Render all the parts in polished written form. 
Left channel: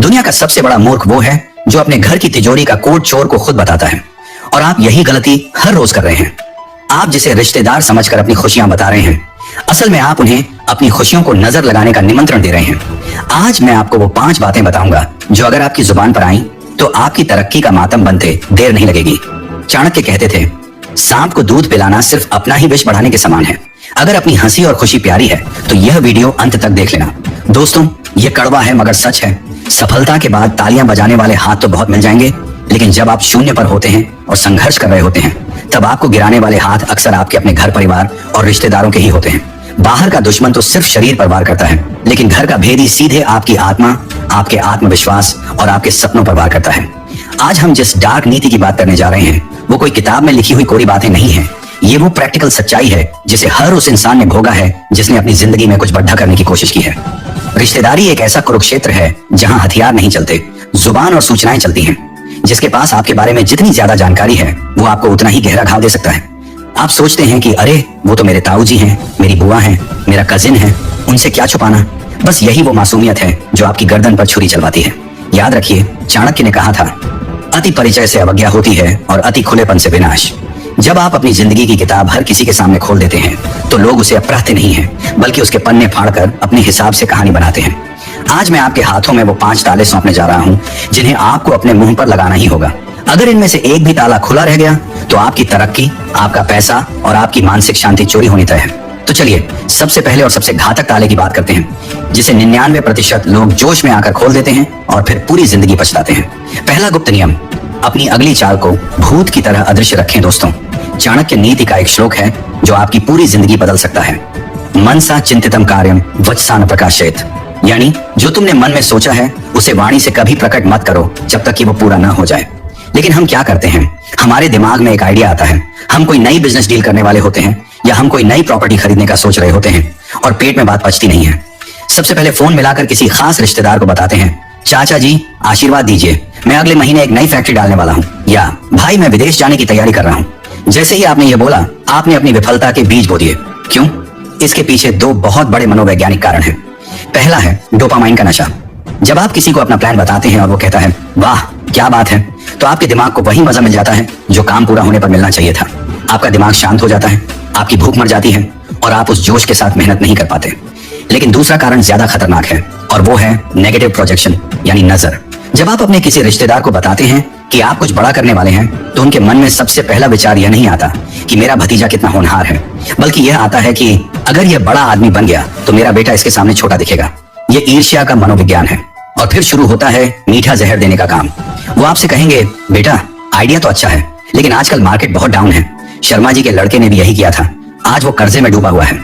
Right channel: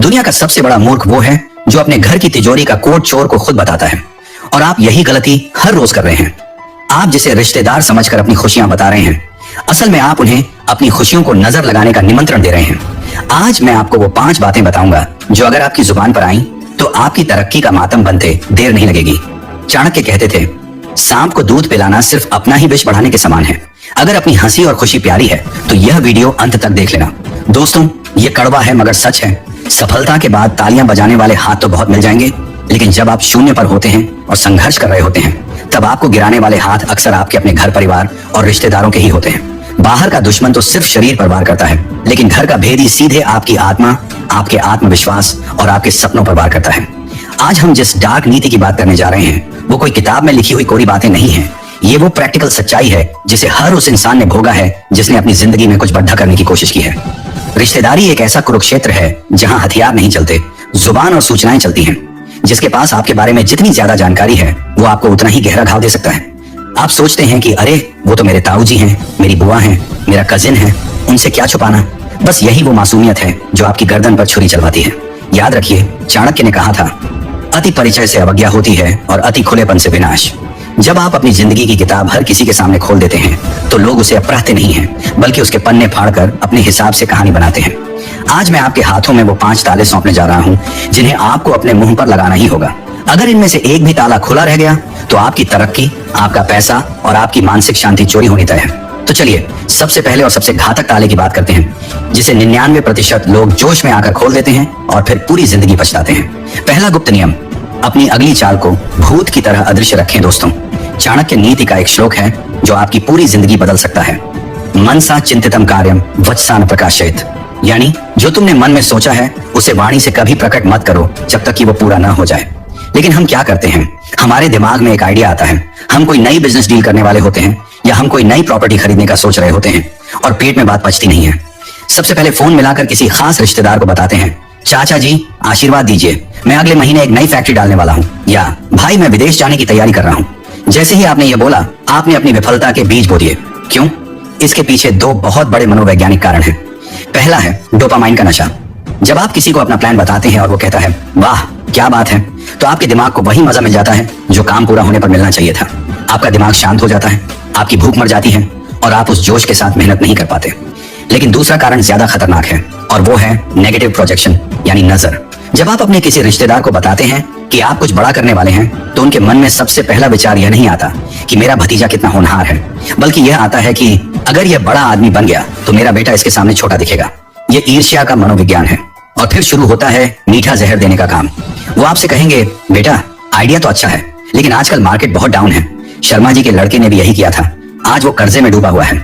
दुनिया का सबसे बड़ा मूर्ख वो है जो अपने घर की तिजोरी का कोड चोर को खुद बताता है, और आप यही गलती हर रोज कर रहे हैं। आप जिसे रिश्तेदार समझकर अपनी खुशियां बता रहे हैं, असल में आप उन्हें अपनी खुशियों को नजर लगाने का निमंत्रण दे रहे हैं। आज मैं आपको वो 5 बातें बताऊंगा जो अगर आपकी जुबान पर आई तो आपकी तरक्की का मातम बनते देर नहीं लगेगी। चाणक्य कहते थे, सांप को दूध पिलाना सिर्फ अपना ही विष बढ़ाने के समान है। अगर अपनी हंसी और खुशी प्यारी है तो यह वीडियो अंत तक देख लेना। दोस्तों, ये कड़वा है मगर सच है। सफलता के बाद तालियां बजाने वाले हाथ तो बहुत मिल जाएंगे, लेकिन जब आप शून्य पर होते हैं और संघर्ष कर रहे होते हैं, तब आपको गिराने वाले हाथ अक्सर आपके अपने घर परिवार और रिश्तेदारों के ही होते हैं। बाहर का दुश्मन तो सिर्फ शरीर पर वार करता है, लेकिन घर का भेदी सीधे आपकी आत्मा, आपके आत्मविश्वास और आपके सपनों पर वार करता है। आज हम जिस डार्क नीति की बात करने जा रहे हैं वो कोई किताब में लिखी हुई कोरी बातें नहीं है। ये वो प्रैक्टिकल सच्चाई है जिसे हर उस इंसान ने भोगा है जिसने अपनी जिंदगी में कुछ बड़ा करने की कोशिश की है। रिश्तेदारी एक ऐसा कुरुक्षेत्र है जहां हथियार नहीं चलते, जुबान और सूचनाएं चलती हैं। जिसके पास आपके बारे में जितनी ज्यादा जानकारी है वो आपको उतना ही गहरा घाव दे सकता है। आप सोचते हैं कि अरे वो तो मेरे ताऊ जी हैं, मेरी बुआ है, मेरा कजिन है, उनसे क्या छुपाना। बस यही वो मासूमियत है जो आपकी गर्दन पर छुरी चलवाती है। याद रखिए, चाणक्य ने कहा था, अति परिचय से अवज्ञा होती है और अति खुलेपन से विनाश। जब आप अपनी जिंदगी की किताब हर किसी के सामने खोल देते हैं तो लोग उसे अपराधते नहीं हैं, बल्कि उसके पन्ने फाड़कर अपने हिसाब से कहानी बनाते हैं। आज मैं आपके हाथों में वो 5 ताले सौंपने जा रहा हूं जिन्हें आपको अपने मुंह पर लगाना ही होगा। अगर इनमें से एक भी ताला खुला रह गया तो आपकी तरक्की, आपका पैसा और आपकी मानसिक शांति चोरी होनी तय है। तो चलिए सबसे पहले और सबसे घातक ताले की बात करते हैं, जिसे 99% लोग जोश में आकर खोल देते हैं और फिर पूरी जिंदगी पछताते हैं। पहला गुप्त नियम, अपनी अगली चाल को भूत की तरह अदृश्य रखें। दोस्तों, चाणक्य नीति का एक श्लोक है जो आपकी पूरी जिंदगी बदल सकता है। मनसा चिंतितम कार्यम वचसा न प्रकाशयेत, यानी जो तुमने मन में सोचा है उसे वाणी से कभी प्रकट मत करो जब तक कि वो पूरा न हो जाए। लेकिन हम क्या करते हैं, हमारे दिमाग में एक आइडिया आता है, हम कोई नई बिजनेस डील करने वाले होते हैं या हम कोई नई प्रॉपर्टी खरीदने का सोच रहे होते हैं और पेट में बात पचती नहीं है। सबसे पहले फोन मिलाकर किसी खास रिश्तेदार को बताते हैं, चाचा जी आशीर्वाद दीजिए, मैं अगले महीने एक नई फैक्ट्री डालने वाला हूँ, या भाई मैं विदेश जाने की तैयारी कर रहा हूँ। जैसे ही आपने ये बोला, आपने अपनी विफलता के बीज बो दिए। क्यों? इसके पीछे 2 बहुत बड़े मनोवैज्ञानिक कारण हैं। पहला है डोपामाइन का नशा। जब आप किसी को अपना प्लान बताते हैं और वो कहता है वाह क्या बात है, तो आपके दिमाग को वही मजा मिल जाता है जो काम पूरा होने पर मिलना चाहिए था। आपका दिमाग शांत हो जाता है, आपकी भूख मर जाती है और आप उस जोश के साथ मेहनत नहीं कर पाते। लेकिन दूसरा कारण ज्यादा खतरनाक है और वो है नेगेटिव प्रोजेक्शन, यानी नजर। जब आप अपने किसी रिश्तेदार को बताते हैं कि आप कुछ बड़ा करने वाले हैं तो उनके मन में सबसे पहला विचार यह नहीं आता कि मेरा भतीजा कितना होनहार है, बल्कि यह आता है कि अगर यह बड़ा आदमी बन गया तो मेरा बेटा इसके सामने छोटा दिखेगा। ये ईर्ष्या का मनोविज्ञान है। और फिर शुरू होता है मीठा जहर देने का काम। वो आपसे कहेंगे, बेटा आइडिया तो अच्छा है लेकिन आजकल मार्केट बहुत डाउन है। शर्मा जी के लड़के ने भी यही किया था, आज वो कर्जे में डूबा हुआ है।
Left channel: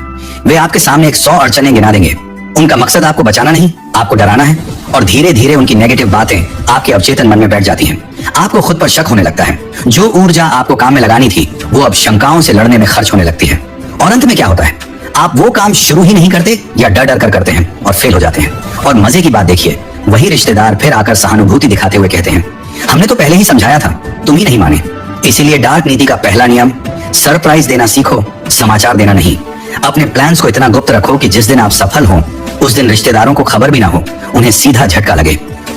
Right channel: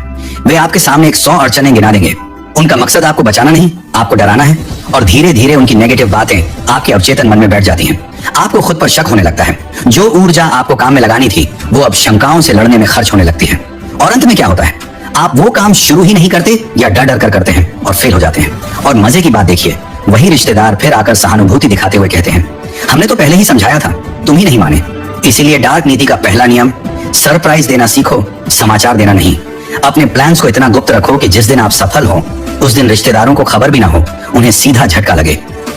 वे आपके सामने एक 100 अड़चनें गिना देंगे। उनका मकसद आपको बचाना नहीं, आपको डराना है। और धीरे धीरे उनकी नेगेटिव बातें आपके अवचेतन मन में बैठ जाती हैं। आपको खुद पर शक होने लगता है। जो ऊर्जा आपको काम में लगानी थी वो अब शंकाओं से लड़ने में खर्च होने लगती है। और अंत में क्या होता है, आप वो काम शुरू ही नहीं करते या डर डर कर करते हैं और फेल हो जाते हैं। और मजे की बात देखिए, वही रिश्तेदार फिर आकर सहानुभूति दिखाते हुए कहते हैं, हमने तो पहले ही समझाया था, तुम ही नहीं माने। इसीलिए डार्क नीति का पहला नियम, सरप्राइज देना सीखो, समाचार देना नहीं। अपने प्लान्स को इतना गुप्त रखो कि जिस दिन आप सफल हो उस दिन रिश्तेदारों को खबर भी ना हो, उन्हें सीधा झटका लगे।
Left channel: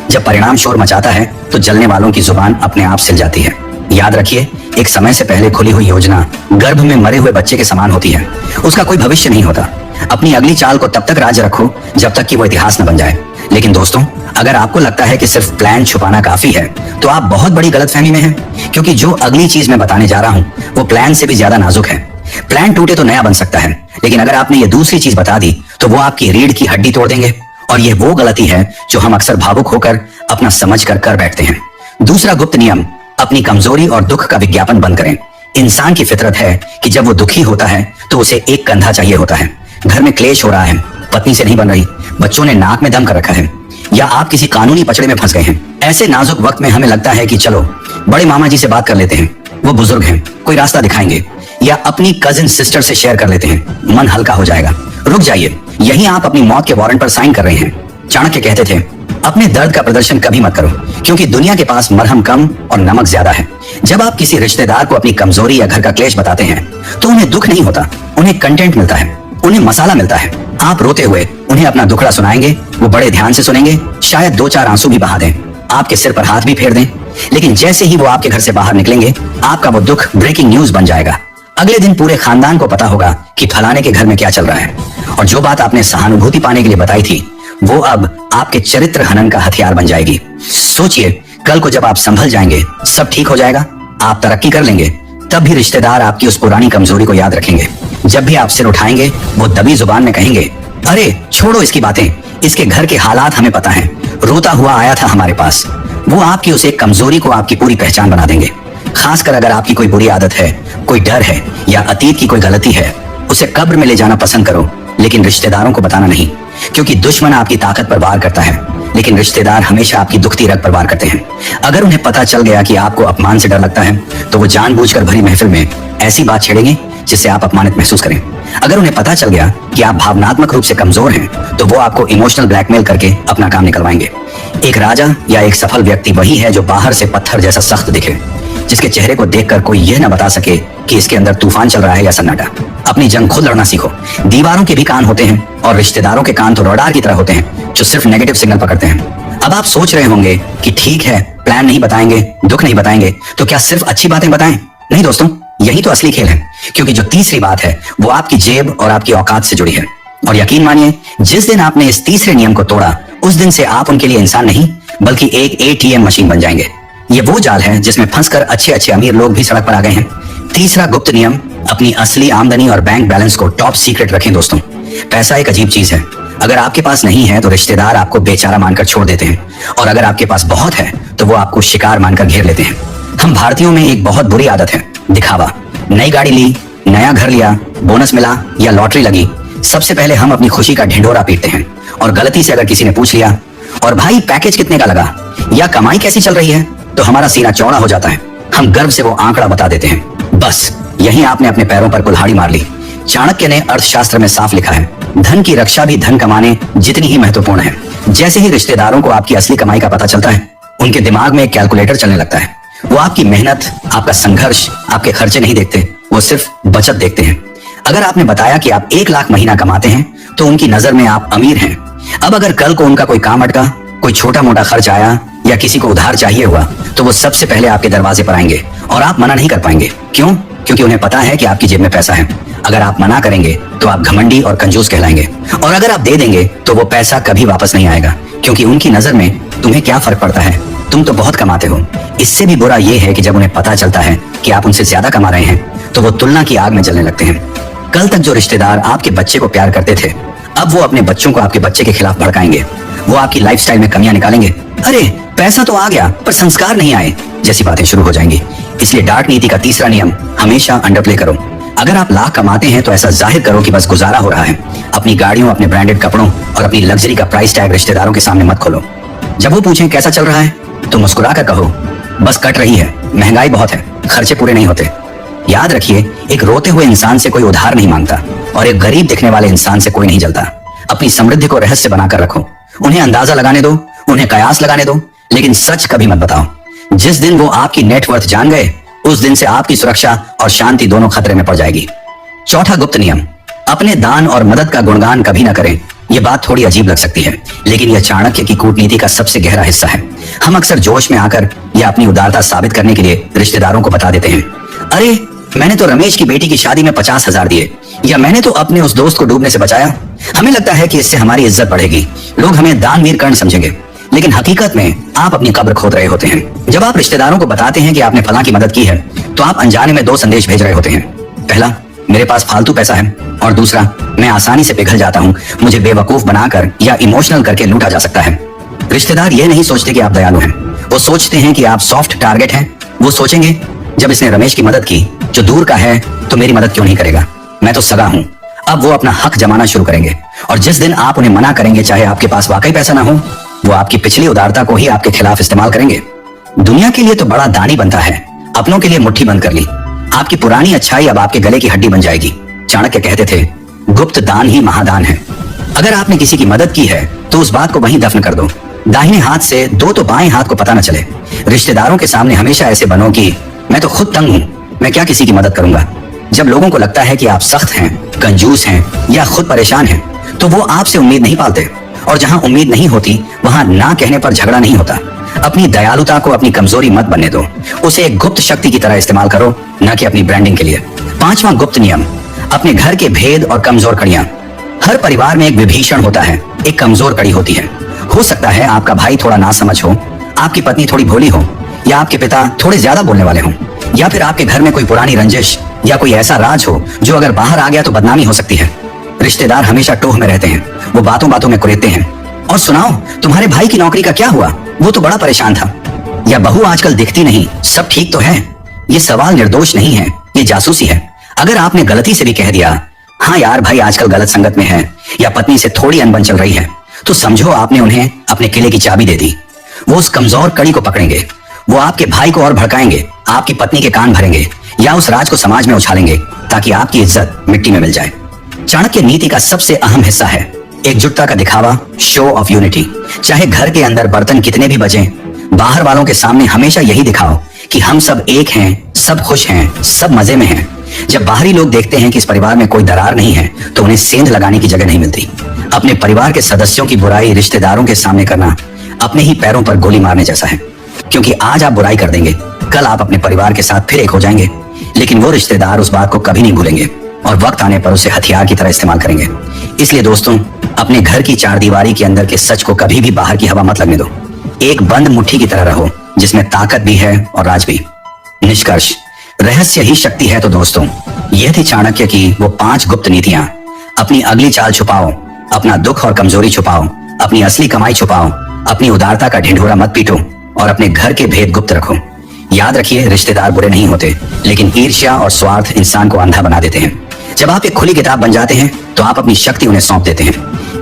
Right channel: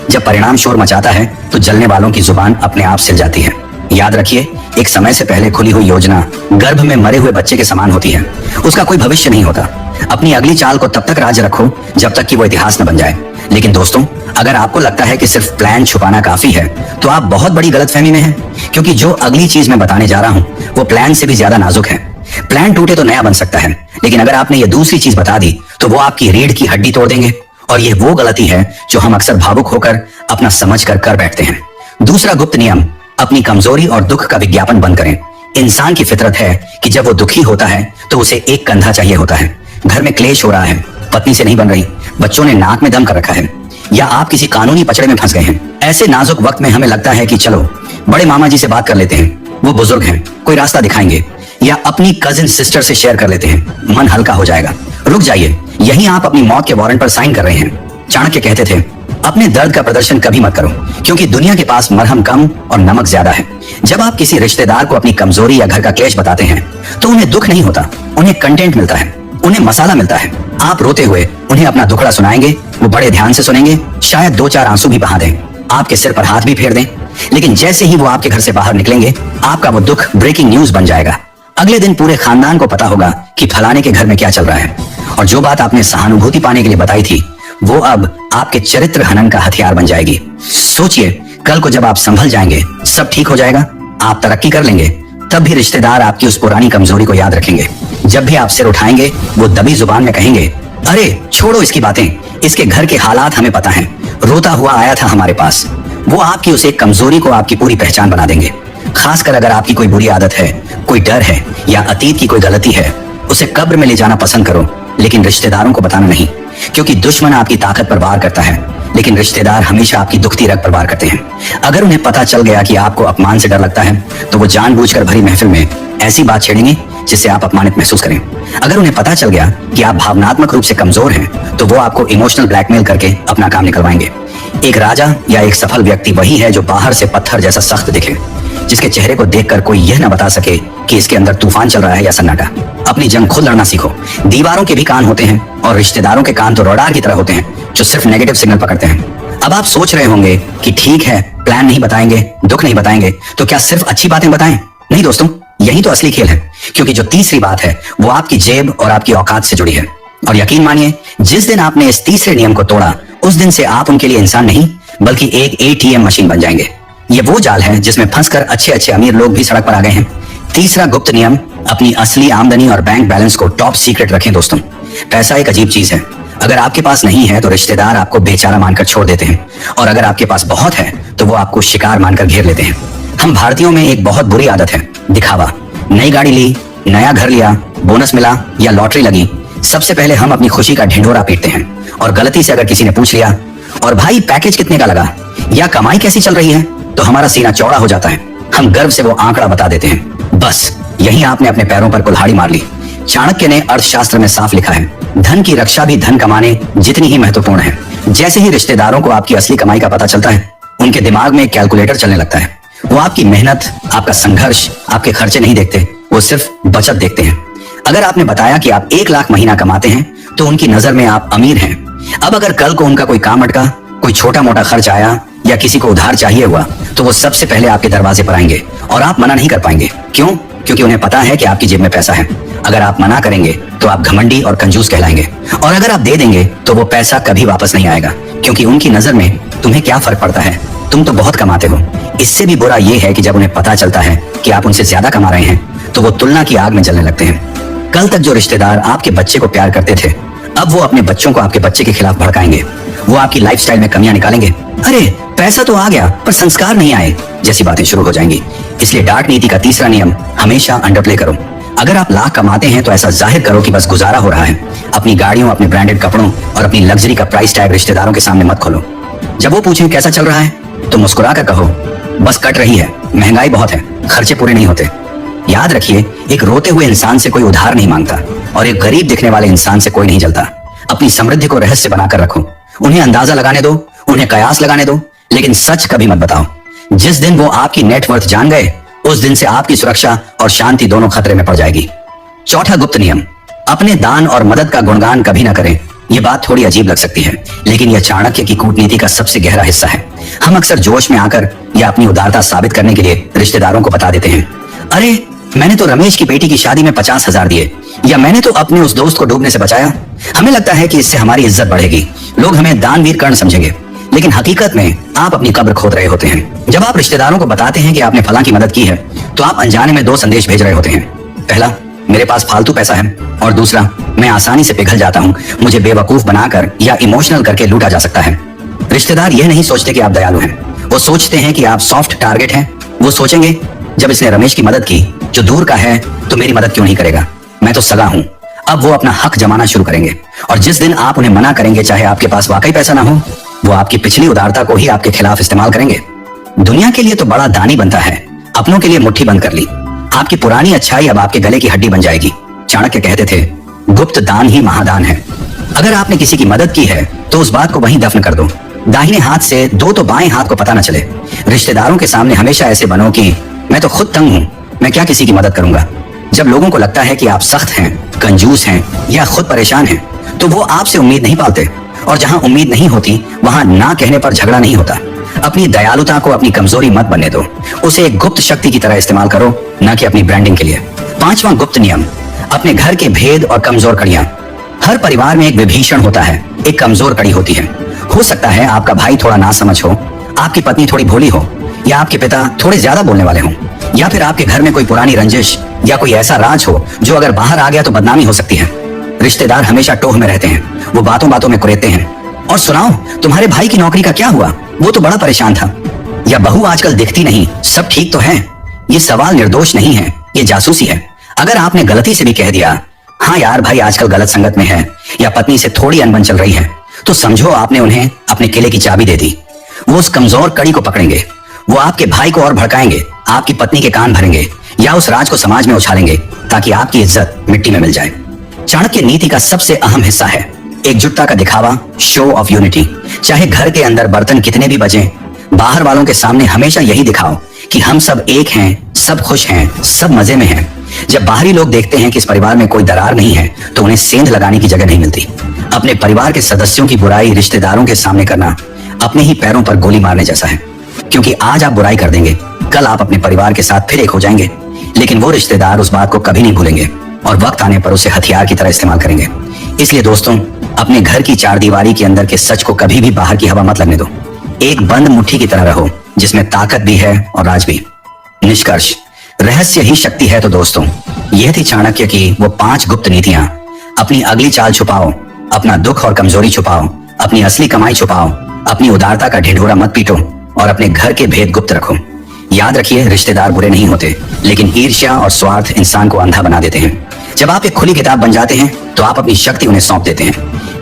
जब परिणाम शोर मचाता है तो जलने वालों की जुबान अपने आप सिल जाती है। याद रखिए, एक समय से पहले खुली हुई योजना गर्भ में मरे हुए बच्चे के समान होती है, उसका कोई भविष्य नहीं होता। अपनी अगली चाल को तब तक राज रखो जब तक कि वो इतिहास न बन जाए। लेकिन दोस्तों, अगर आपको लगता है कि सिर्फ प्लान छुपाना काफी है तो आप बहुत बड़ी गलतफहमी में हैं, क्योंकि जो अगली चीज मैं बताने जा रहा हूँ वो प्लान से भी ज्यादा नाजुक है। प्लान टूटे तो नया बन सकता है, लेकिन अगर आपने ये दूसरी चीज बता दी तो वो आपकी रीढ़ की हड्डी तोड़ देंगे। और ये वो गलती है जो हम अक्सर भावुक होकर अपना समझ कर बैठते हैं। दूसरा गुप्त नियम, अपनी कमजोरी और दुख का विज्ञापन बंद करें। इंसान की फितरत है कि जब वो दुखी होता है तो उसे एक कंधा चाहिए होता है। घर में क्लेश हो रहा है, पत्नी से नहीं बन रही, बच्चों ने नाक में दम कर रखा है, या आप किसी कानूनी पचड़े में फंस गए हैं। ऐसे नाजुक वक्त में हमें लगता है कि चलो बड़े मामा जी से बात कर लेते हैं, वो बुजुर्ग हैं, कोई रास्ता दिखाएंगे, या अपनी कजिन सिस्टर से शेयर कर लेते हैं, मन हल्का हो जाएगा। रुक जाइए, यही आप अपनी मौत के वारंट पर साइन कर रहे हैं। चाणक्य कहते थे, अपने दर्द का प्रदर्शन कभी मत करो, क्योंकि दुनिया के पास मरहम कम और नमक ज्यादा है। जब आप किसी रिश्तेदार को अपनी कमजोरी या घर का क्लेश बताते हैं तो उन्हें दुख नहीं होता, उन्हें कंटेंट मिलता है। उन्हें मसाला मिलता है। आप रोते हुए उन्हें अपना दुखड़ा सुनाएंगे, वो बड़े ध्यान से सुनेंगे, शायद 2-4 आंसू भी बहा दें, आपके सिर पर हाथ भी फेर दें। लेकिन जैसे ही वो आपके घर से बाहर निकलेंगे, आपका वो दुख ब्रेकिंग न्यूज बन जाएगा। अगले दिन पूरे खानदान को पता होगा कि फलाने के घर में क्या चल रहा है। और जो बात आपने सहानुभूति पाने के लिए बताई थी, वो अब आपके चरित्र हनन का हथियार बन जाएगी। सोचिए, कल को जब आप संभल जाएंगे, सब ठीक हो जाएगा, आप तरक्की कर लेंगे, तब भी रिश्तेदार आपकी उस पुरानी कमजोरी को याद रखेंगे। जब भी आप सिर उठाएंगे, वो दबी जुबान में कहेंगे, अरे छोड़ो इसकी बातें, इसके घर के हालात हमें पता हैं, रोता हुआ आया था हमारे पास। वो आपकी उस एक कमजोरी को आपकी पूरी पहचान बना देंगे। खासकर अगर आपकी कोई बुरी आदत है, कोई डर है या अतीत की कोई गलती है, उसे कब्र में ले जाना पसंद करो, लेकिन रिश्तेदारों को बताना नहीं। क्योंकि दुश्मन आपकी ताकत पर वार करता है, लेकिन रिश्तेदार हमेशा आपकी दुखती रग पर वार करते हैं। अगर उन्हें पता चल गया कि आपको अपमान से डर लगता है, तो वो जानबूझकर भरी महफिल में ऐसी बात छेड़ेंगे जिससे आप अपमानित महसूस करें। अगर उन्हें पता चल गया कि आप भावनात्मक रूप से कमजोर हैं, तो वो आपको इमोशनल ब्लैकमेल करके अपना काम निकलवाएंगे। एक राजा या एक सफल व्यक्ति वही है जो बाहर से पत्थर जैसा सख्त दिखे, जिसके चेहरे को देखकर कोई यह न बता सके कि इसके अंदर तूफान चल रहा है या सन्नाटा। अपनी जंग खुद लड़ना सीखो। दीवारों के भी कान होते हैं और रिश्तेदारों के कान तो रडार की तरह होते हैं, जो सिर्फ नेगेटिव सिग्नल पकड़ते हैं। अब आप सोच रहे होंगे कि ठीक है, प्लान नहीं बताएंगे, दुख नहीं बताएंगे, तो क्या सिर्फ अच्छी बातें बताएं? नहीं दोस्तों, यही तो असली खेल है। क्योंकि जो तीसरी बात है, वो आपकी जेब और आपकी औकात से जुड़ी है। और यकीन मानिए, जिस दिन आपने इस तीसरे नियम को तोड़ा, उस दिन से आप उनके लिए इंसान नहीं, बल्कि एक ATM मशीन बन जाएंगे। ये वो जाल है जिसमें फंसकर अच्छे अच्छे अमीर लोग भी सड़क पर आ गए हैं। तीसरा गुप्त नियम, अपनी असली आमदनी और बैंक बैलेंस को टॉप सीक्रेट रखें दोस्तों। पैसा एक अजीब चीज है। अगर आपके पास नहीं है तो रिश्तेदार आपको बेचारा मानकर छोड़ देते हैं, और अगर आपके पास बहुत है तो वो आपको शिकार मानकर घेर लेते हैं। हम भारतीयों में एक बहुत बुरी आदत है, दिखावा। नई गाड़ी ली, नया घर लिया, बोनस मिला या लॉटरी लगी, सबसे पहले हम अपनी खुशी का ढिंढोरा पीटते हैं। और गलती से अगर किसी ने पूछ लिया, और भाई पैकेज कितने का लगा या कमाई कैसी चल रही है, तो हमारा सीना चौड़ा हो जाता है। हम गर्व से वो आंकड़ा बता देते हैं। बस यही आपने अपने पैरों पर कुल्हाड़ी मार ली। चाणक्य ने अर्थशास्त्र में साफ लिखा है, धन की रक्षा भी धन कमाने जितनी ही महत्वपूर्ण है। जैसे ही रिश्तेदारों को आपकी असली कमाई का पता चलता है, उनके दिमाग में एक कैलकुलेटर चलने लगता है। वो आपकी मेहनत, आपका संघर्ष, आपके खर्चे नहीं देखते, वो सिर्फ बचत देखते हैं। अगर आपने बताया कि आप 1 लाख महीना कमाते हैं, तो उनकी नजर में आप अमीर हैं। अब अगर कल को उनका कोई काम अटका, कोई छोटा मोटा खर्च आया या किसी को उधार चाहिए हुआ, तो वो सबसे पहले आपके दरवाजे पर आएंगे और आप मना नहीं कर पाएंगे। क्यों? क्योंकि उन्हें पता है कि आपकी जेब में पैसा है। अगर आप मना करेंगे तो आप घमंडी और कंजूस कहलाएंगे, और अगर आप दे देंगे तो वो पैसा कभी वापस नहीं आएगा। क्योंकि उनकी नजर में तुम्हें क्या फर्क पड़ता है, तुम तो बहुत कमाते हो। इससे भी बुरा ये है कि जब उन्हें पता चलता है कि आप उनसे ज्यादा कमा रहे हैं, तो वो तुलना की आग में जलने लगते हैं। कल तक जो रिश्तेदार आपके बच्चे को प्यार करते थे, अब वो अपने बच्चों को आपके बच्चे के खिलाफ भड़काएंगे। वो आपकी लाइफस्टाइल में कमियां निकालेंगे। अरे पैसा तो आ गया पर संस्कार नहीं आए, जैसी बातें शुरू हो जाएंगी। इसलिए डार्क नीति का तीसरा नियम, हमेशा अंडरप्ले करो। अगर आप लाख कमाते हैं तो ऐसा जाहिर करो कि बस गुजारा हो रहा है। अपनी गाड़ियों, अपने ब्रांडेड कपड़ों और अपनी लग्जरी का प्राइस टैग रिश्तेदारों के सामने मत खोलो। जब वो पूछे कैसा चल रहा है, तो मुस्कुरा कर कहो, बस कट रही है, महंगाई बहुत है, खर्चे पूरे नहीं होते। याद रखिए, एक रोते हुए इंसान से कोई उधार नहीं मांगता, और एक गरीब दिखने वाले इंसान से कोई नहीं जलता। अपनी समृद्धि को रहस्य बनाकर रखो। उन्हें अंदाजा लगाने दो, उन्हें कयास लगाने दो, लेकिन सच कभी मत बताओ। जिस दिन वो आपकी नेटवर्थ जान गए, उस दिन से आपकी सुरक्षा और शांति दोनों खतरे में पड़ जाएगी। चौथा गुप्त नियम, अपने दान और मदद का गुणगान कभी न करें। ये बात थोड़ी अजीब लग सकती है, लेकिन यह चाणक्य की कूटनीति का सबसे गहरा हिस्सा है। हम अक्सर जोश में आकर या अपनी उदारता साबित करने के लिए रिश्तेदारों को बता देते हैं, अरे मैंने तो रमेश की बेटी की शादी में 50,000 दिए, या मैंने तो अपने उस दोस्त को डूबने से बचाया। हमें लगता है कि इससे हमारी इज्जत बढ़ेगी, लोग हमें दानवीर कर्ण समझेंगे, लेकिन हकीकत में आप अपनी कब्र खोद रहे होते हैं। जब आप रिश्तेदारों को बताते हैं कि आपने फलां की मदद की है, तो आप अनजाने में 2 संदेश भेज रहे होते हैं। पहला, मेरे पास फालतू पैसा है, और दूसरा, मैं आसानी से पिघल जाता हूँ, मुझे बेवकूफ बनाकर या इमोशनल करके लूटा जा सकता है। रिश्तेदार ये नहीं सोचते कि आप दयालु हैं, वो सोचते हैं कि आप सॉफ्ट टारगेट हैं। वो सोचेंगे, जब इसने रमेश की मदद की जो दूर का है, तो मेरी मदद क्यों नहीं करेगा, मैं तो सगा हूं। अब वो अपना हक जमाना शुरू करेंगे, और जिस दिन आप उन्हें मना करेंगे, चाहे आपके पास वाकई पैसा ना हो, वो आपकी पिछली उदारता को ही आपके खिलाफ इस्तेमाल करेंगे। दुनिया के लिए तो बड़ा दानी बनता है, अपनों के लिए मुट्ठी बंद कर ली। आपकी पुरानी अच्छाई अब आपके गले की हड्डी बन जाएगी। चाणक्य कहते थे, गुप्त दान ही महादान है। अगर आपने किसी की मदद की है तो उस बात को वहीं दफन कर दो। दाहिने हाथ से दो तो बाएं हाथ को पता न चले। रिश्तेदारों के सामने हमेशा ऐसे बनो कि मैं तो खुद तंग हूं, मैं क्या किसी की मदद करूंगा। जब लोगों को लगता है कि आप सख्त हैं, कंजूस हैं या खुद परेशान हैं, तो वो आपसे उम्मीद नहीं पालते। और जहां उम्मीद नहीं होती वहां ना कहने पर झगड़ा नहीं होता। अपनी दयालुता को अपनी कमजोरी मत बनने दो, उसे एक गुप्त शक्ति की तरह इस्तेमाल करो, ना कि अपनी ब्रांडिंग के लिए। पांचवा गुप्त नियम, अपने घर के भेद और कमजोर कड़ियां। हर परिवार में एक विभीषण होता है, एक कमजोर कड़ी होती है। हो सकता है आपका भाई थोड़ा नासमझ हो, आपकी पत्नी थोड़ी भोली हो, या आपके पिता थोड़े ज्यादा बोलने वाले हों, या फिर आपके घर में कोई पुरानी रंजिश या कोई ऐसा राज हो जो अगर बाहर आ गया तो बदनामी हो सकती है। रिश्तेदार हमेशा टोह में रहते हैं, वो बातों बातों में कुरेदते हैं। और सुनाओ, तुम्हारे भाई की नौकरी का क्या हुआ, वो तो बड़ा परेशान था। या बहू आजकल दिखती नहीं, सब ठीक तो है। ये सवाल निर्दोष नहीं है, ये जासूसी है। अगर आपने गलती से भी कह दिया, हाँ यार भाई आजकल गलत संगत में है, या पत्नी से थोड़ी अनबन चल रही है, तो समझो आपने उन्हें अपने किले की चाबी दे दी। वो उस कमजोर कड़ी को पकड़ेंगे, वो आपके भाई को और भड़काएंगे, आपकी पत्नी के कान भरेंगे, या उस राज को समाज में उछालेंगे ताकि आपकी इज्जत मिट्टी में मिल जाए। चाणक्य नीति का सबसे अहम हिस्सा है एकजुटता का दिखावा, शो ऑफ यूनिटी। चाहे घर के अंदर बर्तन कितने भी बजें, बाहर वालों के सामने हमेशा यही दिखाओ कि हम सब एक हैं, सब खुश हैं, सब मजे में हैं। जब बाहरी लोग देखते हैं कि इस परिवार में कोई दरार नहीं है, तो उन्हें सेंध लगाने की जगह नहीं मिलती। अपने परिवार के सदस्यों की बुराई रिश्तेदारों के सामने करना अपने ही पैरों पर गोली मारने जैसा है, क्योंकि आज आप बुराई कर देंगे, कल आप अपने परिवार के साथ फिर एक हो जाएंगे। लेकिन वो रिश्तेदार उस बात को कभी नहीं भूलेंगे और वक्त आने पर उसे हथियार की तरह इस्तेमाल करेंगे। इसलिए दोस्तों, अपने घर की चारदीवारी के अंदर के सच को कभी भी बाहर की हवा मत लगने दो। एक बंद मुट्ठी की तरह रहो, जिसमें ताकत भी है और राज भी। निष्कर्ष, रहस्य ही शक्ति है। तो दोस्तों, ये थी चाणक्य की वो 5 गुप्त नीतियां। अपनी अगली चाल छुपाओ, अपना दुख और कमजोरी छुपाओ, अपनी असली कमाई छुपाओ, अपनी उदारता का ढिंढोरा मत पीटो और अपने घर के भेद गुप्त रखो। याद रखिए, रिश्तेदार बुरे नहीं होते, लेकिन ईर्ष्या और स्वार्थ इंसान को अंधा बना देते हैं। जब आप एक खुली किताब बन जाते हैं तो आप अपनी शक्ति उन्हें सौंप देते हैं,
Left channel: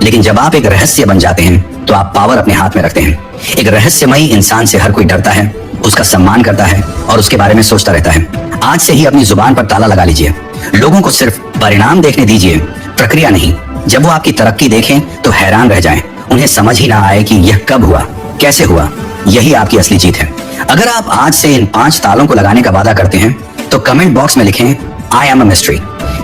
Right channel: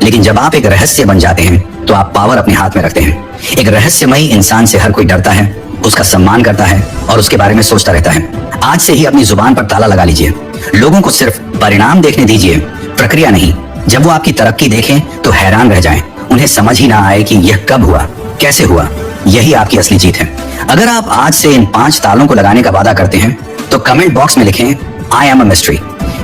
लेकिन जब आप एक रहस्य बन जाते हैं तो आप पावर अपने हाथ में रखते हैं। एक रहस्यमयी इंसान से हर कोई डरता है, उसका सम्मान करता है और उसके बारे में सोचता रहता है। आज से ही अपनी जुबान पर ताला लगा लीजिए। लोगों को सिर्फ परिणाम देखने दीजिए, प्रक्रिया नहीं। जब वो आपकी तरक्की देखें तो हैरान रह जाएं, उन्हें समझ ही ना आए कि यह कब हुआ, कैसे हुआ। यही आपकी असली जीत है। अगर आप आज से इन 5 तालों को लगाने का वादा करते हैं तो कमेंट बॉक्स में लिखें, आई एम अ मिस्ट्री।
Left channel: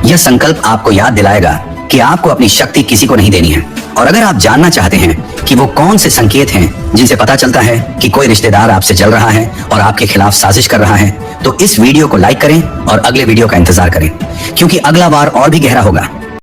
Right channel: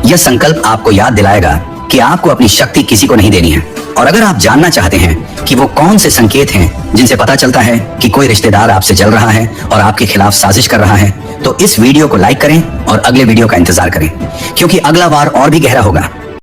यह संकल्प आपको याद दिलाएगा कि आपको अपनी शक्ति किसी को नहीं देनी है। और अगर आप जानना चाहते हैं कि वो कौन से संकेत हैं जिनसे पता चलता है कि कोई रिश्तेदार आपसे जल रहा है और आपके खिलाफ साजिश कर रहा है, तो इस वीडियो को लाइक करें और अगले वीडियो का इंतजार करें, क्योंकि अगला वार और भी गहरा होगा।